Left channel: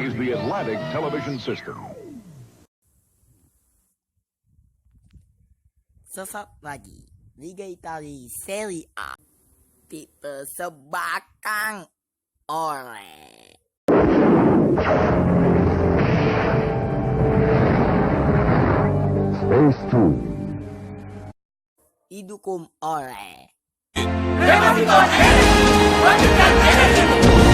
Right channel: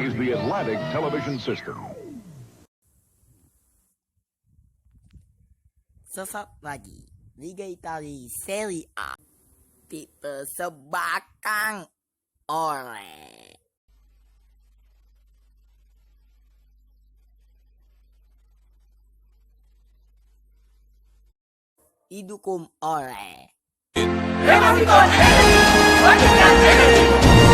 is the Atlantic television system. Sesaat lagi, Liga Italia Serie A dipersembahkan oleh spacetoon, didukung oleh Hemaviton energi, bangkitkan energimu.